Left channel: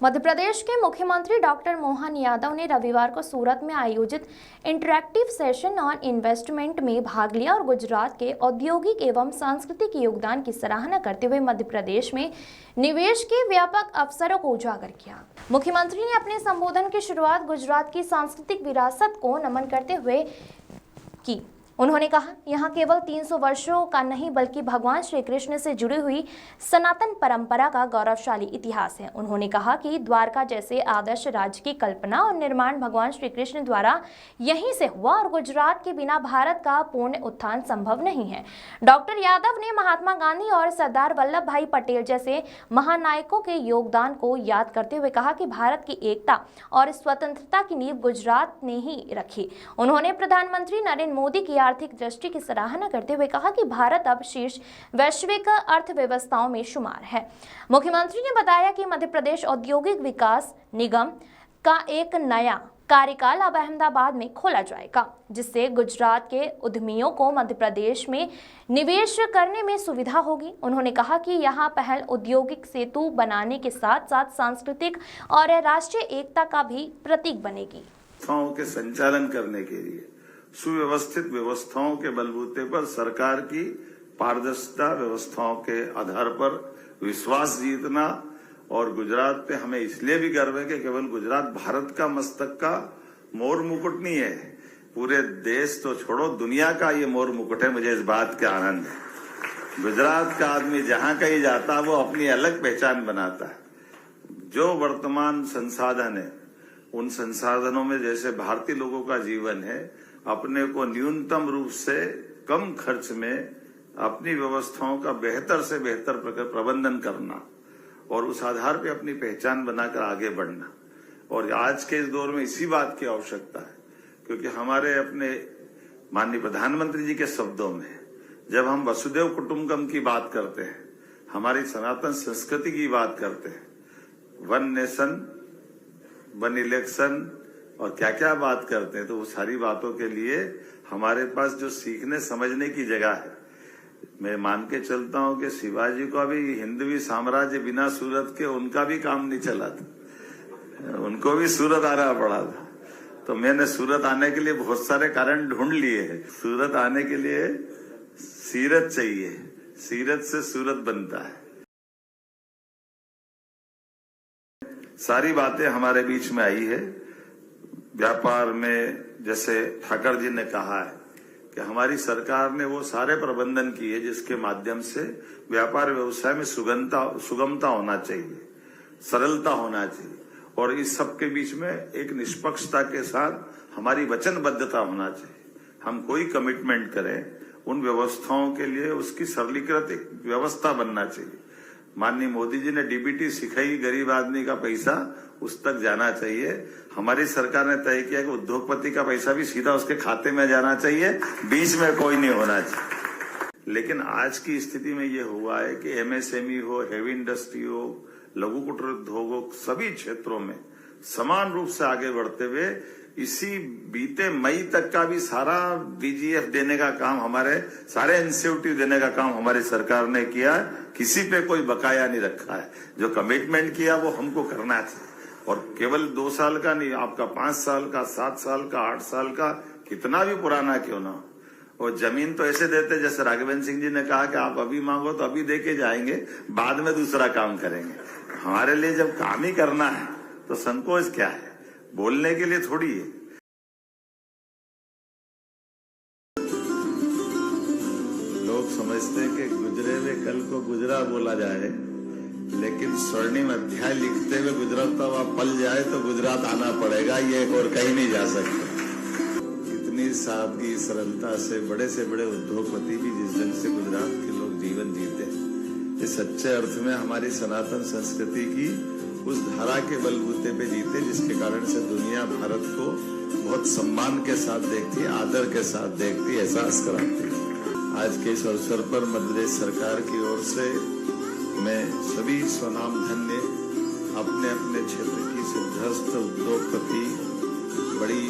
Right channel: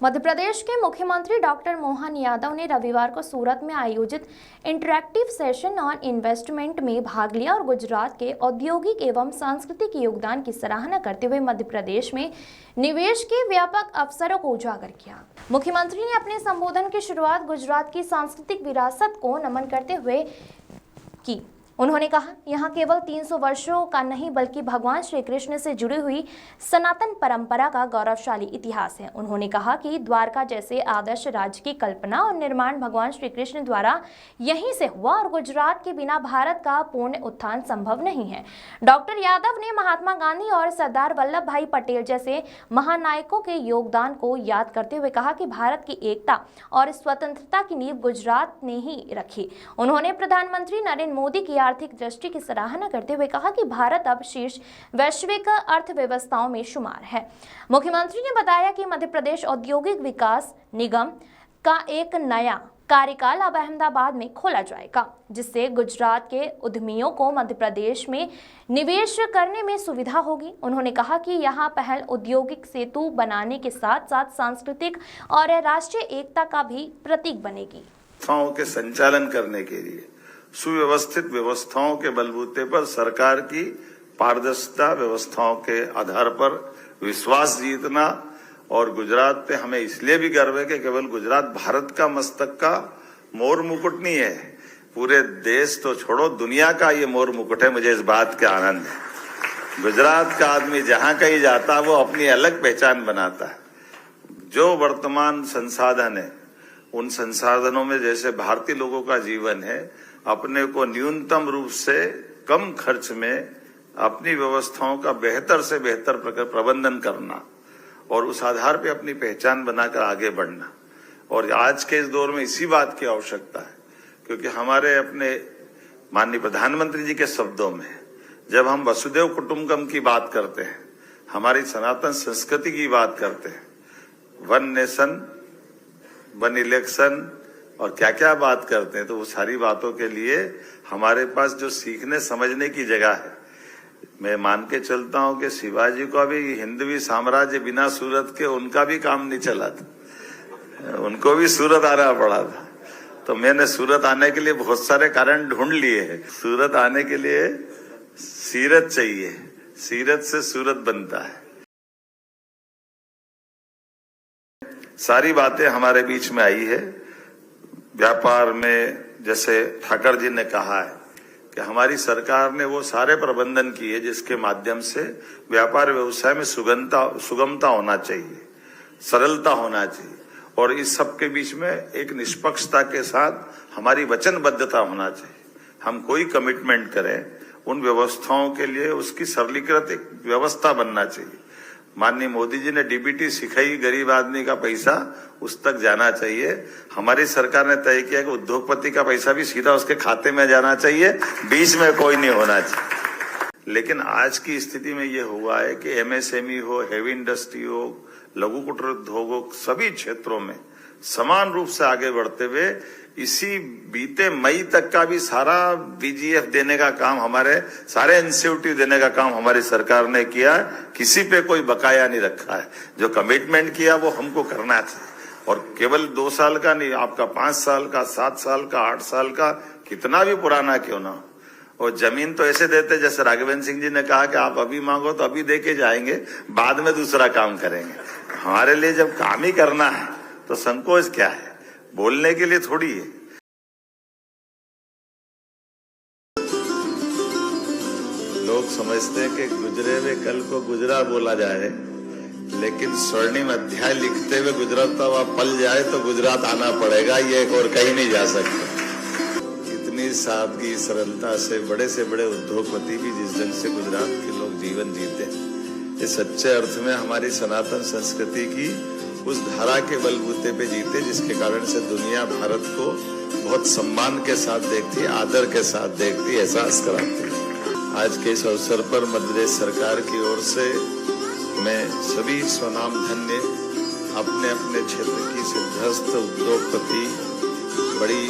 मध्य प्रदेश के मुख्यमंत्री डॉक्टर मोहन यादव ने रविवार को सूरत में आयोजित इंटरैक्टिव सेशन ऑन इन्वेस्टमेंट में भाग लिया और गुजरात के औद्योगिक एवं सांस्कृतिक योगदान की सराहना करते हुए मध्य प्रदेश में निवेश के व्यापक अवसरों को उजागर किया। मुख्यमंत्री ने अपने संबोधन की शुरुआत गुजरात की सांस्कृतिक विरासत को नमन करते हुए की। उन्होंने कहा, यहाँ केवल 300 वर्षों का नहीं बल्कि भगवान श्री कृष्ण से जुड़ी हुई सनातन परंपरा का गौरवशाली इतिहास है। उन्होंने कहा कि द्वारका जैसे आदर्श राज्य की कल्पना और निर्माण भगवान श्री कृष्ण द्वारा यहीं से हुआ और गुजरात के बिना भारत का पूर्ण उत्थान संभव नहीं है। डॉक्टर यादव ने महात्मा गांधी और सरदार वल्लभ भाई पटेल जैसे महानायकों के योगदान को याद करते हुए कहा कि भारत की एकता और स्वतंत्रता की नींव गुजरात ने ही रखी। उन्होंने प्रधानमंत्री नरेंद्र मोदी की आर्थिक दृष्टि की सराहना करते हुए कहा कि भारत अब शीर्ष वैश्विक अर्थव्यवस्थाओं में शुमार है। मुख्यमंत्री ने बताया कि मध्य प्रदेश औद्योगिक विकास निगम का एक नया कार्यकाल अब अहमदाबाद में खोला जाएगा, जिससे गुजरात के उद्यमियों को मध्य प्रदेश में निवेश करने में सुविधा होगी। उन्होंने कहा कि यहां पहल औद्योगिक सेतु बनाने के साथ साथ सांस्कृतिक और राष्ट्रीय एकता का भी प्रतीक बनेगी। के संचालन करने के लिए सुव्यवस्थित व्यवस्थाओं के बलबूते पर सरकार की पारदर्शिता व्यवस्थाओं के आधार पर विश्वास जीतना और गुजरात पे हमें इसलिए भी गर्व है कि केवल गुजरात भारत का मस्तक का मोर मुकुट नहीं है, पूरे देश तो छोड़ो दुनिया का ये मोर मुकुट है। मुझे इस बात का आनंद है। गुजरात का आदमी जहां कहीं जाता है वो अपनी अलग पहचान बनाता है। जो वर्तमान संसाधन है उन संसाधनों में जैसे भारतीय लोगों का जीवन है, अपने को न्यूनतम रूप से कम खर्च में अपनी व्यवस्थाओं का बेहतर से बेहतर प्रबंधन करना और उस आधार पे अपनी पहचान बनाकर आगे बढ़ना। और आज के इस दौर में इसी बात की आवश्यकता है, क्योंकि हमारे अपने माननीय प्रधानमंत्री जी के शब्दों में जब हम वसुदेव कुटुंबकम की बात करते हैं, हमारी सनातन संस्कृति की बात करते हैं, वन नेशन वन इलेक्शन और क्या क्या बात करते हैं, तो वो सारी बातों के लिए हमारे पास जो सीखने समझने की जगह है। मैं मान के चलता हूं कि शिवाजी का भी हिंदवी साम्राज्य बिना सूरत के उनका भी काम नहीं चला था, उनको भी सूरत आना पड़ा था। तो मैंने सूरत आने के लिए बहुत सारे कारण ढूंढ लिए हैं। सूरत आने के लिए सीरत चाहिए, सीरत से सूरत बनता है। सारी बातें हमारे बीच में आई है। व्यापार में जैसे ठाकर जी ने कहा है कि हमारी सरकार ने वो सारे प्रबंधन किए जिसके माध्यम से व्यापार व्यवसाय में सुगमता होना चाहिए, सरलता होना चाहिए और इस सब के बीच में एक निष्पक्षता के साथ हमारी वचनबद्धता होना चाहिए। हम कोई कमिटमेंट करें उन व्यवस्थाओं के लिए उसकी सरलीकृत एक व्यवस्था बनना चाहिए। माननीय मोदी जी ने डीबीटी सिखाई, गरीब आदमी का पैसा उस तक जाना चाहिए। हमारी सरकार ने तय किया कि उद्योगपति का पैसा भी सीधा उसके खाते में जाना चाहिए, बीच में कोई नहीं होना चाहिए। लेकिन आज की स्थिति में ये हुआ है कि एमएसएमई हो, हेवी इंडस्ट्री हो, लघु कुटीर उद्योग हो, सभी क्षेत्रों में समान रूप से आगे बढ़ते हुए इसी बीते मई तक का भी सारा बीजीएफ देने का काम, हमारे सारे इंसेंटिव देने का काम हमारी सरकार ने किया। किसी पे कोई बकाया नहीं रखा है। जो कमिटमेंट किया वो हमको करना चाहिए और केवल 2 साल का नहीं, आपका 5 साल का, 7 साल का, 8 साल का, कितना भी पुराना क्यों ना हो। और जमीन तो ऐसे देते जैसे राघवेंद्र सिंह जी ने कहा कि आप अभी मांगो तो अभी देके जाएंगे, बाद में दूसरा काम करेंगे। हमारे लिए जब काम ही करना है तो संकोच क्या है, बोलने के लिए थोड़ी है। लोग समझते हैं कि गुजरे हुए कल को गुजरा बोला जाए, लेकिन स्वर्णिम अध्याय लिखते हुए गुजरता हुआ पल जाए तो गुजरात आना पड़ेगा, ये और कहीं नहीं जा सकते। इतनी सादगी सरलता से बड़े उद्योगपति भी जिस ढंग से गुजरात के लोग जीवन जीते हैं, ये सच्चे अर्थ में हमारी सनातन संस्कृति की उस धारा के बलबूते पे जीते जिसके कारण से दुनिया भारत को बहुत सम्मान के साथ देखती, आदर के साथ देखती, एहसास कराती है। आज के इस अवसर पर मध्य प्रदेश सरकार की ओर से मैं सभी स्वनाम धन्य अपने अपने क्षेत्र की सिद्धस्त उद्योगपति, बड़ी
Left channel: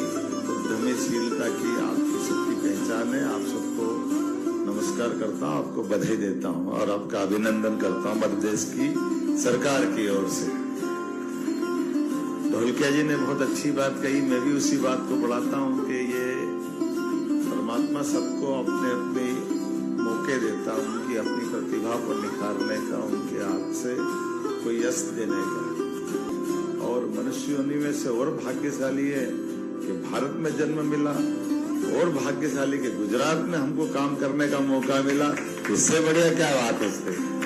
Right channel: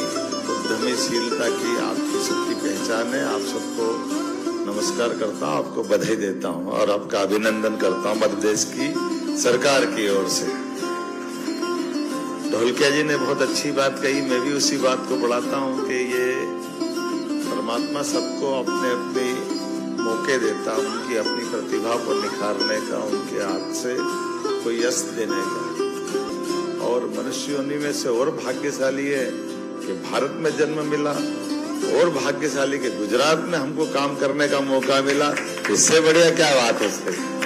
उद्यमीशीलता की आपकी सबकी पहचान है, आप सबको नमस्कार करता हूँ, आपको बधाई देता हूँ और आपका अभिनंदन करता हूँ मध्य प्रदेश की सरकार की ओर से। ढोलकिया जी ने बहुत अच्छी बात कही, मैं भी उसी बात को बढ़ाता हूँ कि ये परमात्मा सबको अपने अपने मौके देता, उनकी अपनी प्रतिभा को निखारने का, उनके हाथ से कोई यश देने का। और मनुष्य योनि में से और भाग्यशाली है कि भारत में जन्म मिला, और भाग्यशाली के गुजरात में हमको काम करने का मौका मिला। इससे बढ़िया क्या बात है सर।